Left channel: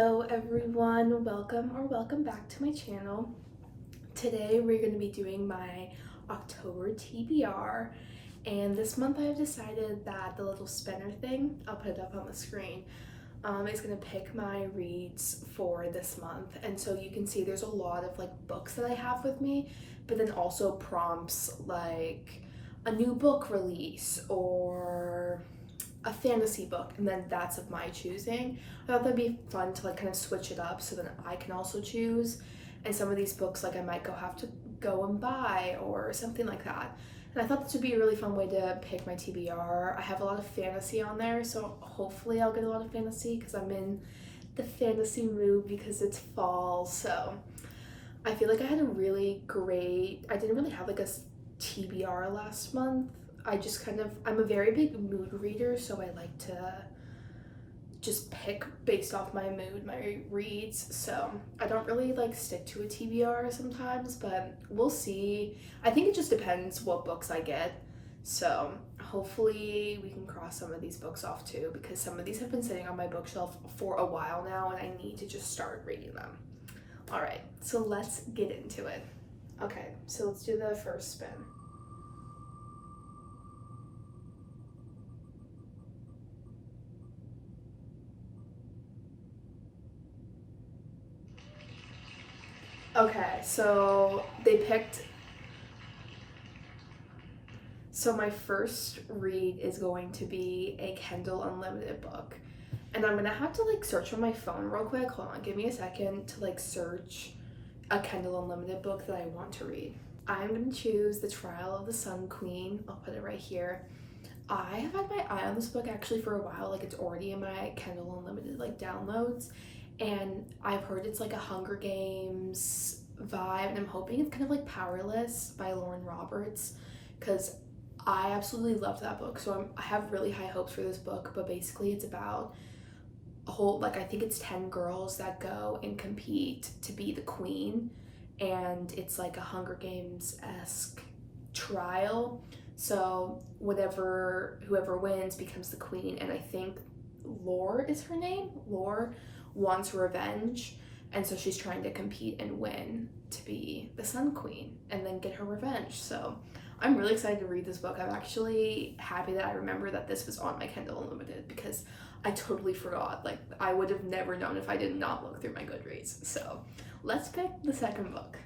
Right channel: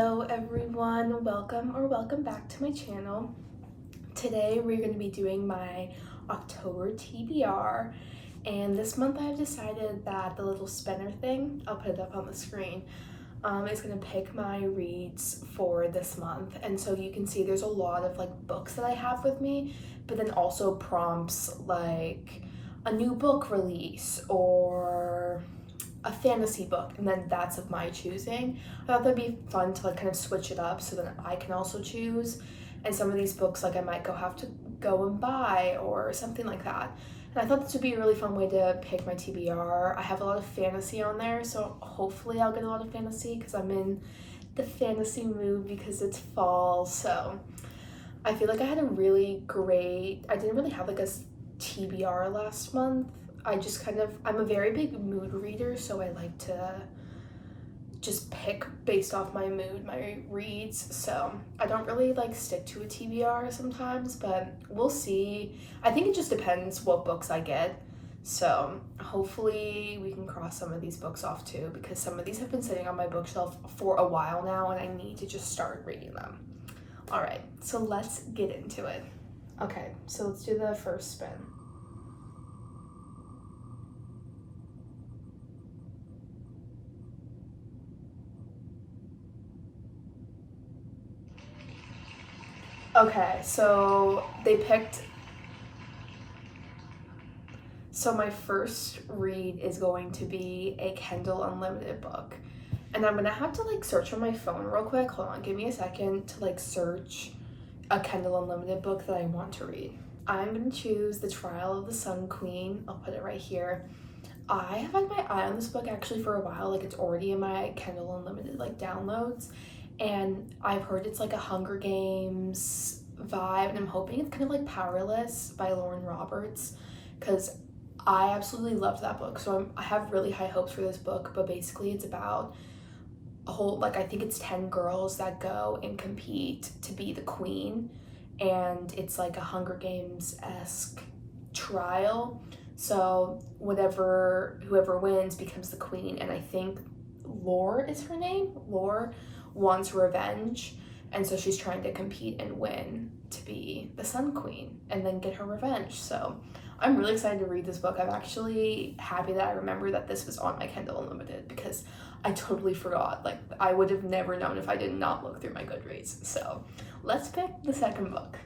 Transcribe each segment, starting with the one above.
Hello everyone, welcome back to my channel. Today we're going to be doing my October TBR, and this month I've decided that the little spinner thing, I'll put it up on the screen, is going to pick my reads for this month. And so you can see there's a lot of like books that I have with me, but then also prompts like a new book release or a fantasy book, and then that's of my choosing. I thought that'd be fun to like kind of switch it up so that I can also choose. And some of these books like I might have to go and buy or something like that. And I thought this would be a really fun way to pick my TBR. I have a lot of fantasy on there, so hopefully I'll get a lot of fantasy because I'm in the fantasy mood because it's fall. So I feel like I had a really great, I didn't really have like a TBR last month. I'm a very big mood reader, so I like to just pick based off my mood, my reads. So I don't really like stick to a TBR sometimes, but we'll see. I think it just depends what books I get. So hopefully we can cross some of these books off too, because some of these have been sitting on my bookshelf for a while now and I need to just start reading them. All right, so let's get into it. Okay, so let's do the first spin. Okay, so they picked. So my first read is going to be a Kindle Unlimited book. And I'm gonna have to like search on my phone real quick. Hold on, give me a second to like search a Kindle Unlimited book that I want to read. I'm gonna choose The Trial of the Sun Queen. I'll put it right here. I have had my eye on this book actually for a while. Like it's already in my Kindle Unlimited like downloads. And I've heard it's like a Hunger Games vibe, and I'm hoping it's kind of like Powerless by Lauren Roberts, because I absolutely loved that book. So I have really high hopes for this book, but basically it's about a whole, like I think it's 10 girls that go and compete to be the queen, and it's like a Hunger Games-esque trial. So whoever wins becomes the queen, and I think Lore is her name. Lore wants revenge, and so she's trying to compete and win to be the Sun Queen and then get her revenge. So I'm really excited to read this book. I'm actually happy that I remember that this was on my Kindle Unlimited because I totally forgot. Like I would have never known if I did not look through my Goodreads. So let's pick the second book.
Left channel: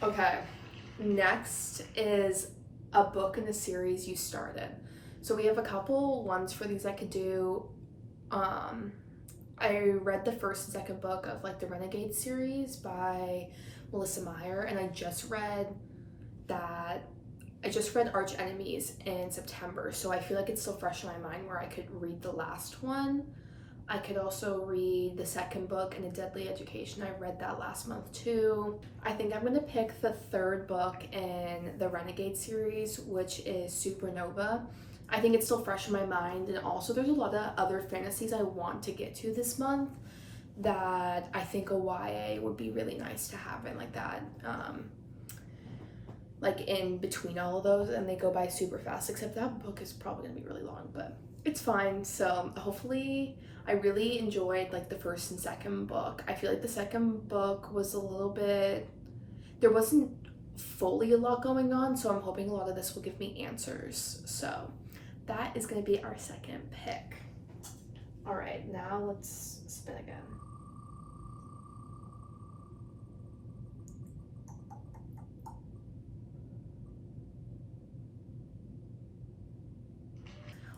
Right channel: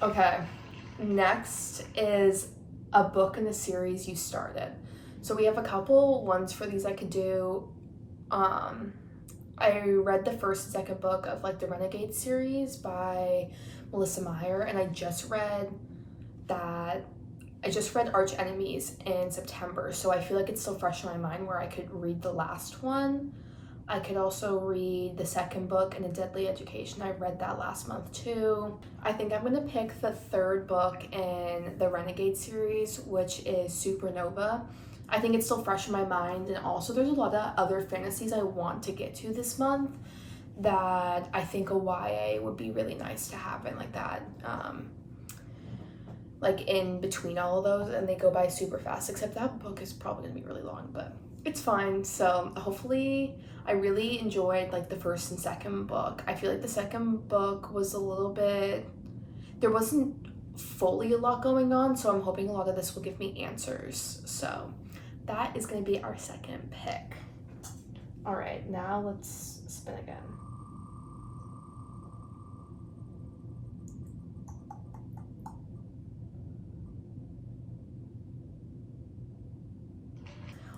Okay, next is a book in the series you started. So we have a couple ones for these I could do. I read the first and second book of like the Renegade series by Melissa Meyer, and I just read Arch Enemies in September, so I feel like it's still fresh in my mind where I could read the last one. I could also read the second book in A Deadly Education. I read that last month too. I think I'm gonna pick the third book in the Renegade series, which is Supernova. I think it's still fresh in my mind, and also there's a lot of other fantasies I want to get to this month that I think a YA would be really nice to have in like that, like in between all of those, and they go by super fast, except that book is probably gonna be really long, but it's fine. So hopefully, I really enjoyed like the first and second book. I feel like the second book was a little bit, there wasn't fully a lot going on, so I'm hoping a lot of this will give me answers. So that is going to be our second pick. All right, now let's spin again.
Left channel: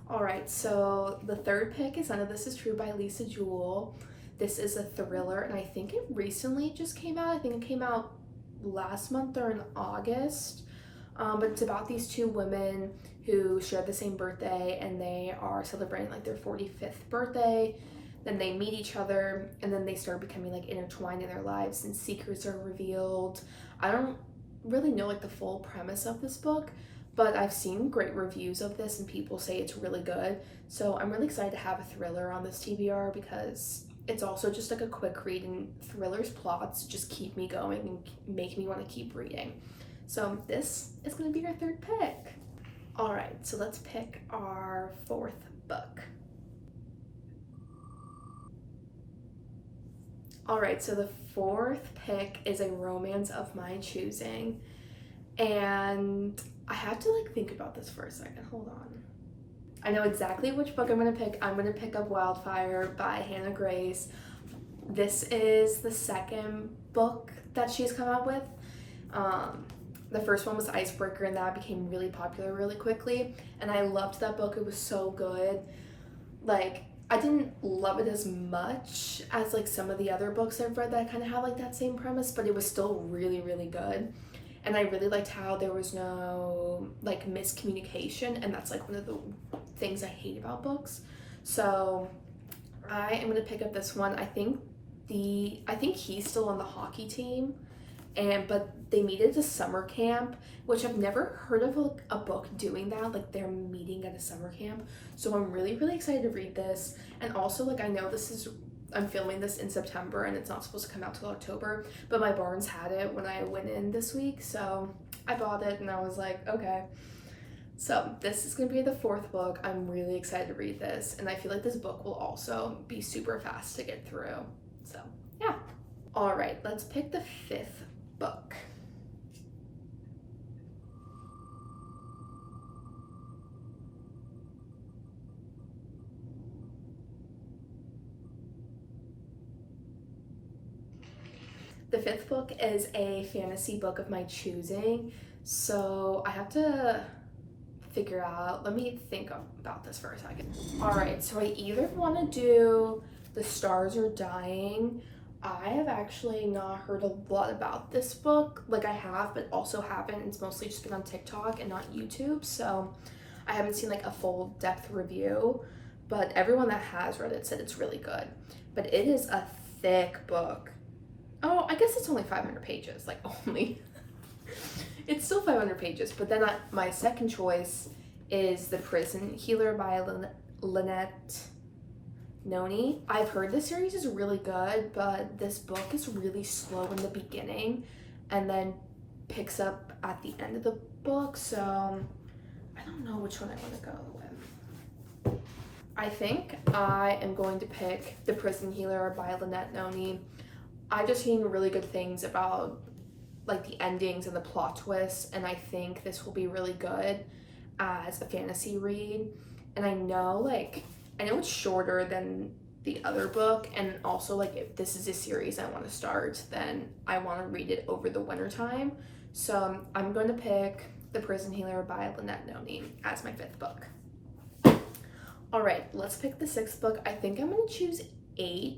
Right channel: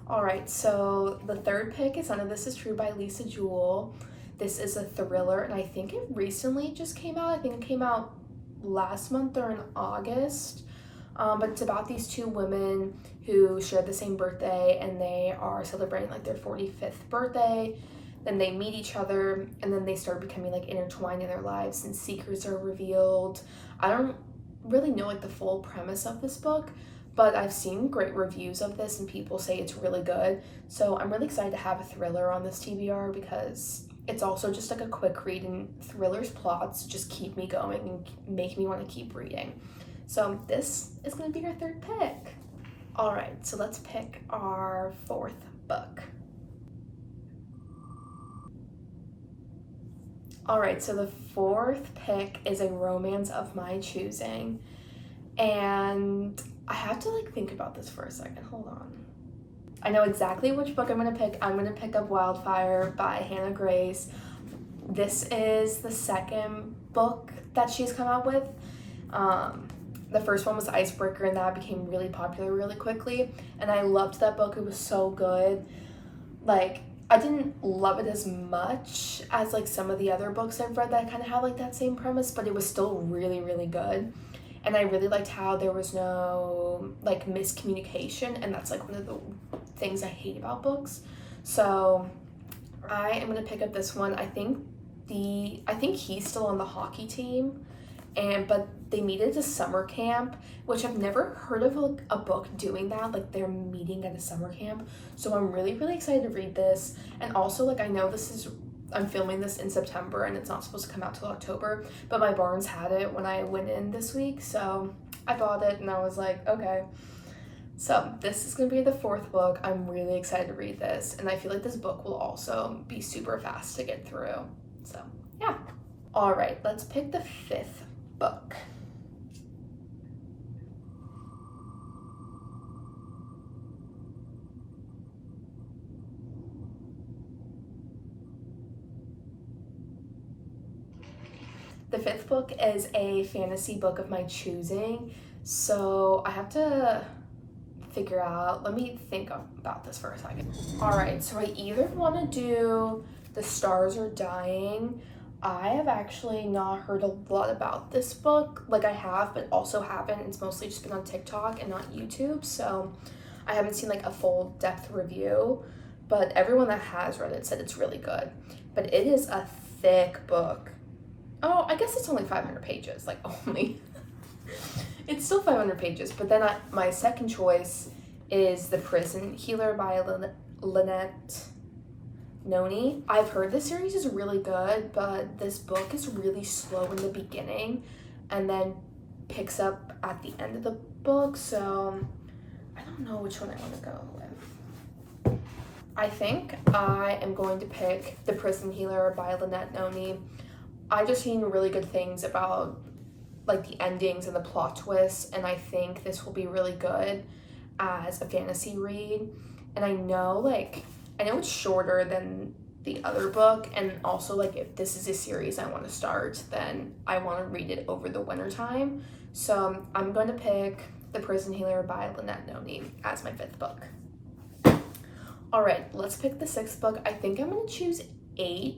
All right, so the third pick is None of This Is True by Lisa Jewell. This is a thriller, and I think it recently just came out. I think it came out last month or in August. But it's about these two women who share the same birthday, and they are celebrating like their 45th birthday. Then they meet each other, and then they start becoming like intertwined in their lives, and secrets are revealed. I don't really know like the full premise of this book, but I've seen great reviews of this and people say it's really good. So I'm really excited to have a thriller on this TBR because it's also just like a quick read, and thrillers plots just keep me going and make me want to keep reading. So this is going to be our third pick. All right, so let's pick our fourth book. All right, so the fourth pick is a romance of my choosing, and I have to like think about this for a second. Hold on. I know exactly which book I'm gonna pick. I'm gonna pick up Wildfire by Hannah Grace. This is the second book that she's come out with. The first one was Icebreaker, and that became really popular really quickly, and I loved that book. It was so good. Like, I didn't love it as much as like some of the other books I've read that kind of have like that same premise, but it was still really, really good. And I really liked how there was no like miscommunication, and that's like one of the things I hate about books. So I am gonna pick up this one. I think he's still on the hockey team, but they meet at a summer camp, which I've never heard of a book doing that, like they're meeting at a summer camp. So I'm really, really excited to read this. And also, like, I know I'm filming this in September and it's not supposed to come out till October, but my Barnes had it when I went in this week, so I bought it and I was like, okay. So this is gonna be the fourth book. I'm really excited to read this, and I feel like this book will also be super fast to get through. So yeah. All right, let's pick the fifth book. The fifth book is a fantasy book of my choosing, so I have to figure out, let me think about this for a second. All right, so I either want to do The Stars Are Dying. I have actually not heard a lot about this book. Like, I have, but also haven't. It's mostly just been on TikTok and not YouTube, so I haven't seen like a full depth review, but everyone that has read it said it's really good. But it is a thick book. Oh, I guess it's only 500 pages, like only. It's still 500 pages, but then my second choice is The Prison Healer by Lynette Noni. I've heard the series is really good, but this book is really slow in the beginning and then picks up at the end of the book, so I don't know which one I want to go with. I think I am going to pick The Prison Healer by Lynette Noni. I've just seen really good things about like the endings and the plot twists, and I think this will be really good as a fantasy read. And I know it's shorter than the other book, and also like if this is a series I want to start, then I want to read it over the winter time. So I'm going to pick The Prison Healer by Lynette Noni as my fifth book. All right, let's pick the sixth book. I think I'm going to choose 8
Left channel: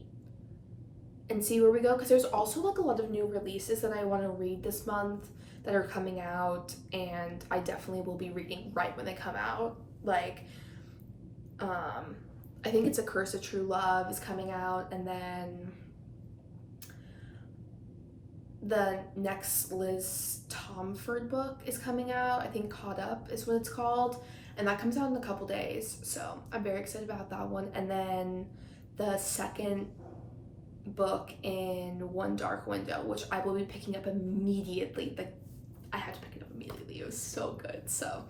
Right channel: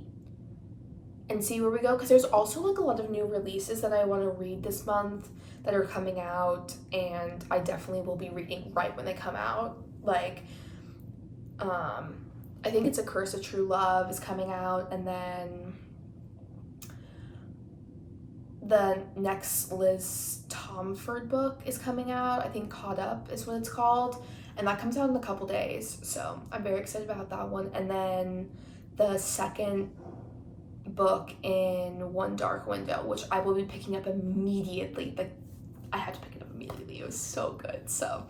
and see where we go, because there's also like a lot of new releases that I want to read this month that are coming out, and I definitely will be reading right when they come out. Like I think it's A Curse of True Love is coming out, and then the next Liz Tomford book is coming out. I think Caught Up is what it's called, and that comes out in a couple days, so I'm very excited about that one. And then the second book in One Dark Window, which I will be picking up immediately. Like, I had to pick it up immediately. It was so good. So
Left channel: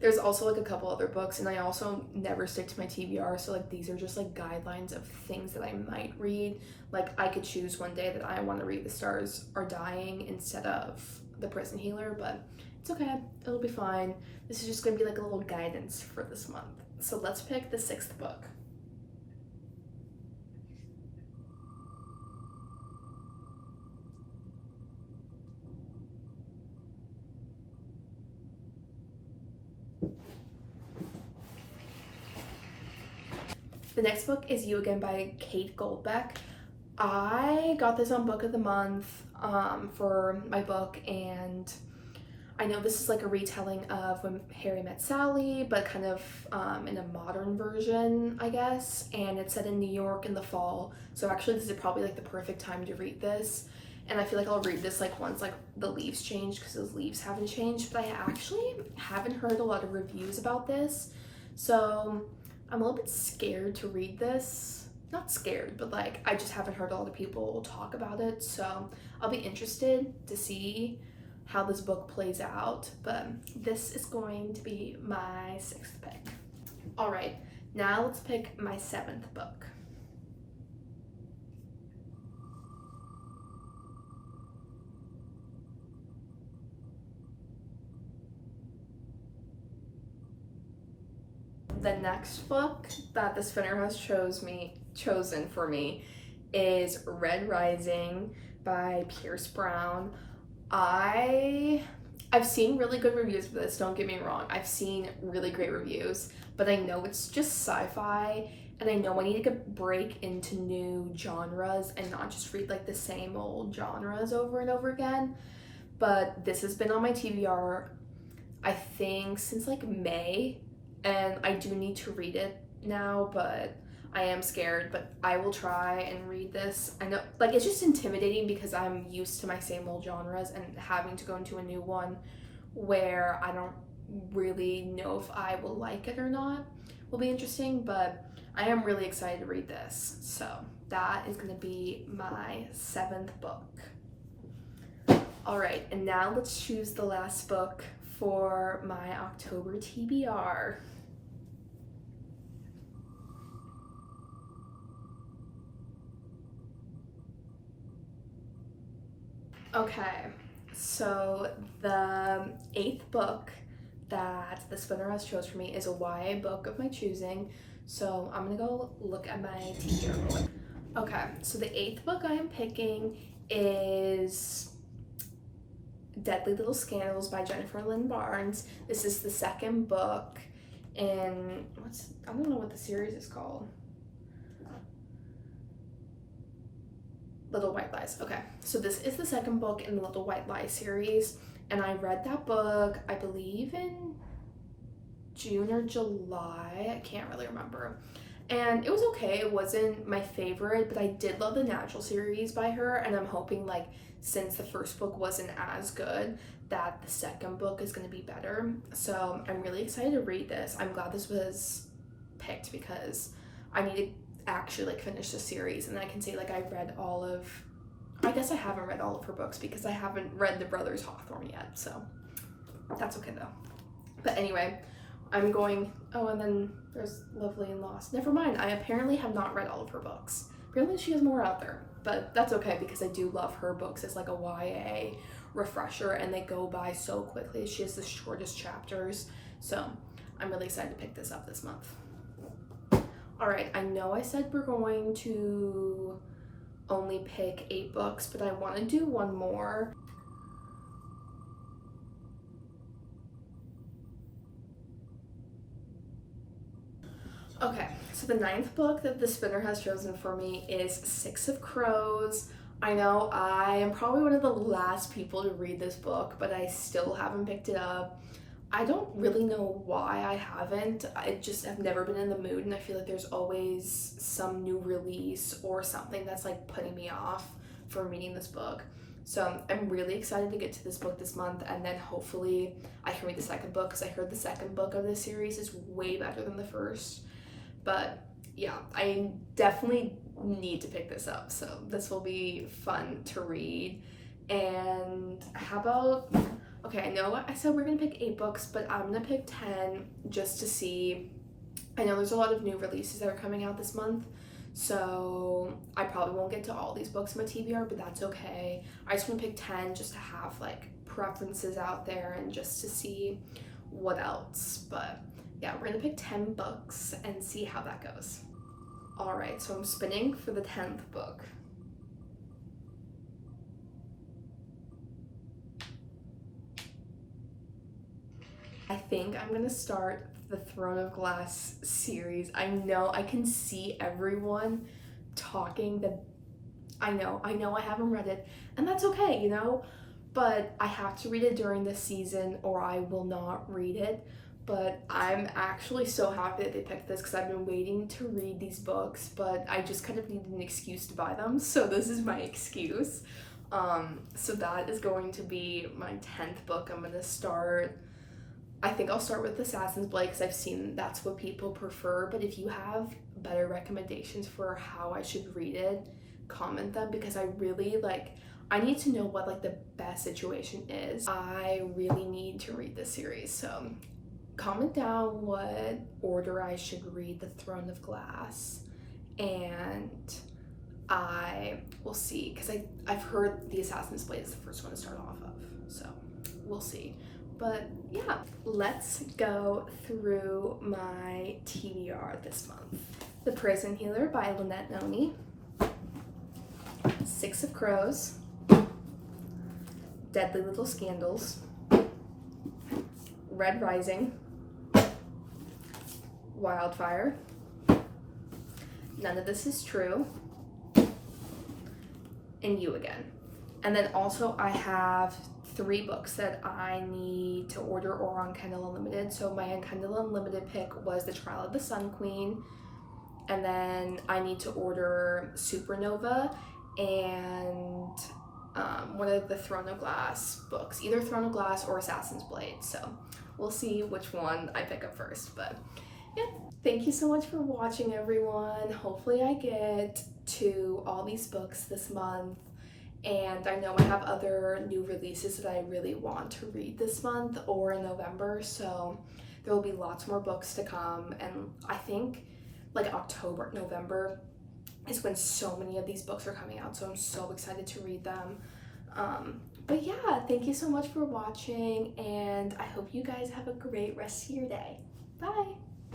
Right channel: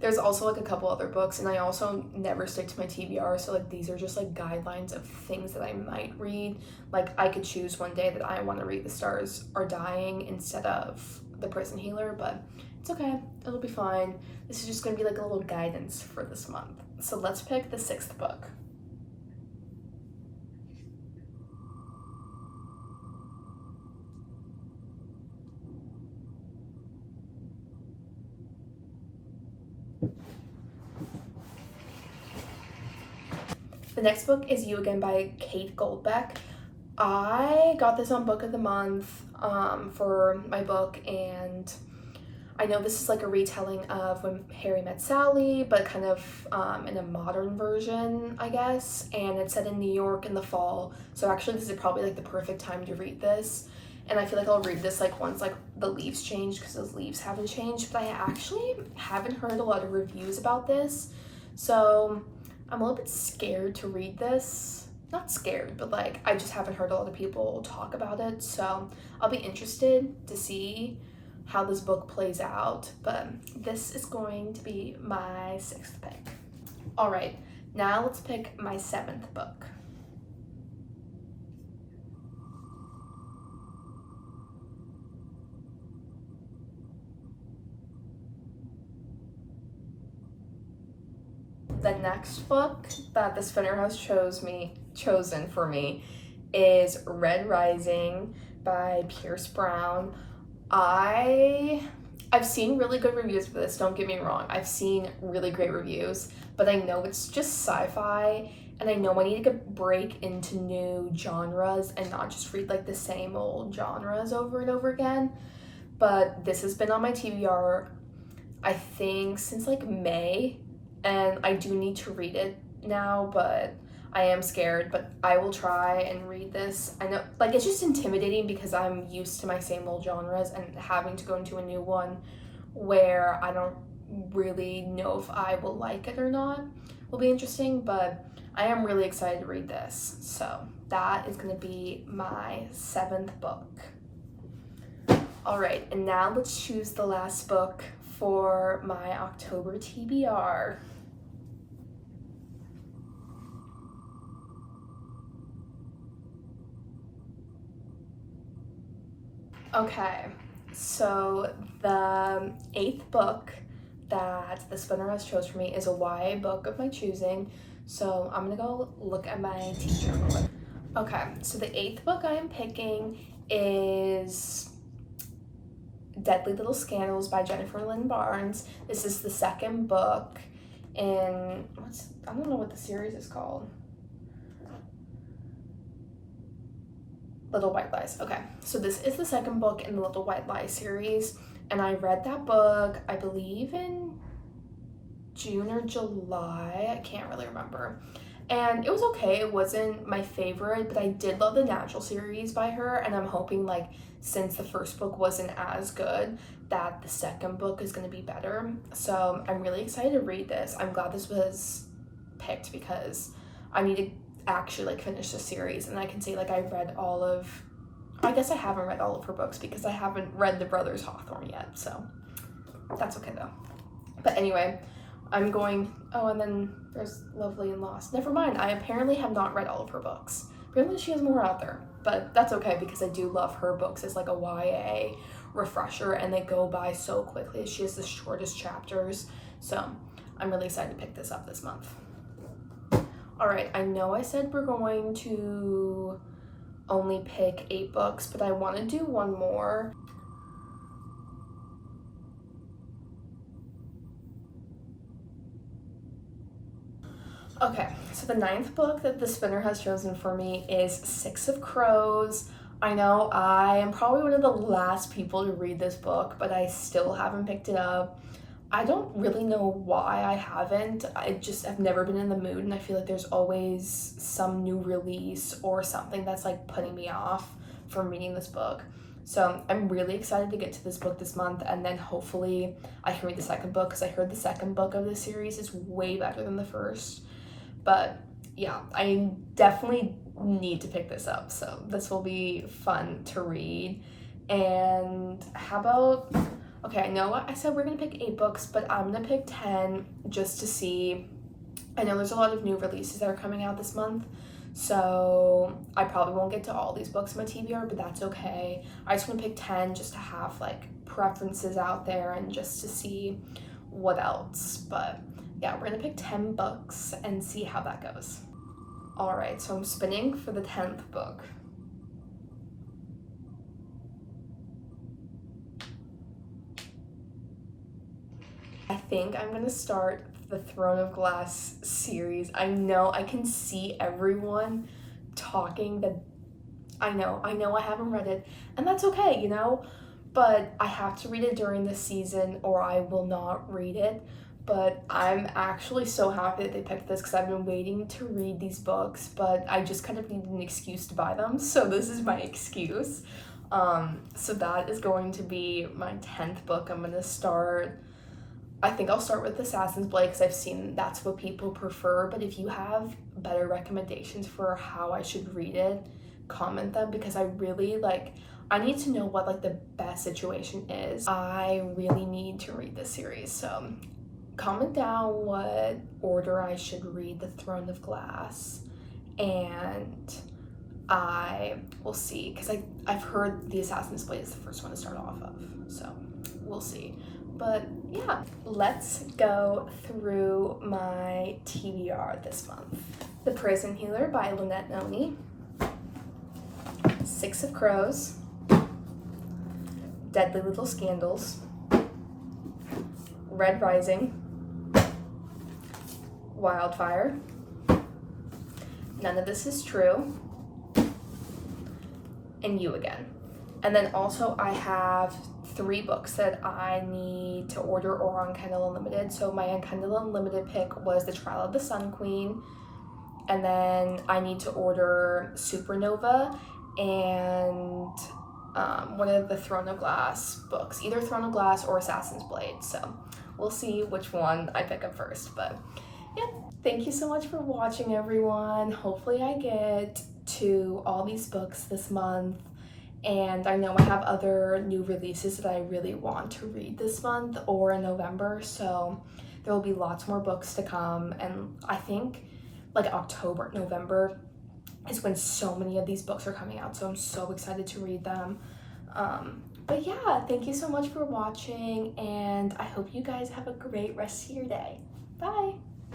there's also like a couple other books, and I also never stick to my TBR, so like these are just like guidelines of things that I might read. Like, I could choose one day that I want to read The Stars Are Dying instead of The Prison Healer, but it's okay, it'll be fine. This is just gonna be like a little guidance for this month. So let's pick the sixth book. The next book is You Again by Kate Goldbeck. I got this on Book of the Month for my book, and I know this is like a retelling of When Harry Met Sally, but kind of in a modern version, I guess, and it's set in New York in the fall, so actually this is probably like the perfect time to read this. and I feel like I'll read this like once like the leaves change, because those leaves haven't changed. But I actually haven't heard a lot of reviews about this, so I'm a little bit scared to read this. Not scared, but like I just haven't heard a lot of people talk about it, so I'll be interested to see how this book plays out. But this is going to be my 6th pick. All right, now let's pick my 7th book. The next book that the spinner has chosen for me is Red Rising by Pierce Brown. I've seen really good reviews for this, don't get me wrong. I've seen really great reviews, but I know it's just sci-fi, and I know I need to break into new genres and not just read like the same old genres over and over again. But this has been on my TBR, I think, since like May, and I do need to read it now, but I am scared. But I will try and read this. I know, like, it's just intimidating because I'm used to my same old genres, and having to go into a new one where I don't really know if I will like it or not will be interesting. But I am really excited to read this, so that is going to be my 7th book. All right, and now let's choose the last book for my October TBR. Okay, so the 8th book that the spinner has chose for me is a YA book of my choosing. So I'm gonna go look at my TBR real quick. Okay, so the 8th book I am picking is Deadly Little Scandals by Jennifer Lynn Barnes. This is the 2nd book, and I don't know what the series is called. Little White Lies. Okay, so this is the 2nd book in the Little White Lies series, and I read that book, I believe, in June or July. I can't really remember. And it was okay. It wasn't my favorite, but I did love the Natural series by her, and I'm hoping, like, since the 1st book wasn't as good, that the 2nd book is going to be better. So I'm really excited to read this. I'm glad this was picked because I need to actually like finish the series, and I can say like I guess I haven't read all of her books because I haven't read The Brothers Hawthorne yet, so that's okay though. But anyway, and then there's Lovely and Lost. Never mind, I apparently have not read all of her books. Apparently she has more out there, but that's okay because I do love her books as like a YA refresher, and they go by so quickly. She has the shortest chapters, so I'm really excited to pick this up this month. All right, I know I said we're going to only pick 8 books, but I want to do one more. Okay, so the 9th book that the spinner has chosen for me is 6 of Crows. I know I am probably one of the last people to read this book, but I still haven't picked it up. I don't really know why I haven't. I've never been in the mood, and I feel like there's always some new release or something that's like putting me off from reading this book. So I'm really excited to get to this book this month, and then hopefully I can read the 2nd book, because I heard the 2nd book of this series is way better than the 1st. But yeah, I definitely need to pick this up, so this will be fun to read. And how about, okay, I know I said we're gonna pick 8 books, but I'm gonna pick 10 just to see. I know there's a lot of new releases that are coming out this month, so I probably won't get to all these books in my TBR, but that's okay. I just want to pick 10 just to have like preferences out there and just to see what else. But yeah, we're gonna pick 10 books and see how that goes. All right, so I'm spinning for the 10th book. I think I'm gonna start the Throne of Glass series. I know I can see everyone talking that I know I haven't read it, and that's okay, you know, but I have to read it during this season or I will not read it. But I'm actually so happy that they picked this because I've been waiting to read these books, but I just kind of needed an excuse to buy them, so this is my excuse. So that is going to be my 10th book. I'm gonna start, I think I'll start with Assassin's Blade because I've seen that's what people prefer, but if you have better recommendations for how I should read it, comment them, because I really I need to know what the best situation is. I really need to read this series, so comment down what order I should read The Throne of Glass, and I will see, because I've heard The Assassin's Blade is the first one to start off of, so we'll see. But yeah, let's go through my TBR this month. The Prison Healer by Lynette Noni, Six of Crows, Deadly Little Scandals, Red Rising, Wildfire, None of This Is True, and You Again. And then also I have 3 books that I need to order or on Kindle Unlimited. So my Kindle Unlimited pick was The Trial of the Sun Queen, and then I need to order Supernova and one of the Throne of Glass books, either Throne of Glass or Assassin's Blade. So we'll see which one I pick up first. But yeah, thank you so much for watching, everyone. Hopefully I get to all these books this month, and I know I have other new releases that I really want to read this month or in November, so there will be lots more books to come. And I think October, November is when so many of these books are coming out, so I'm so excited to read them. But yeah, thank you so much for watching, and I hope you guys have a great rest of your day. Bye!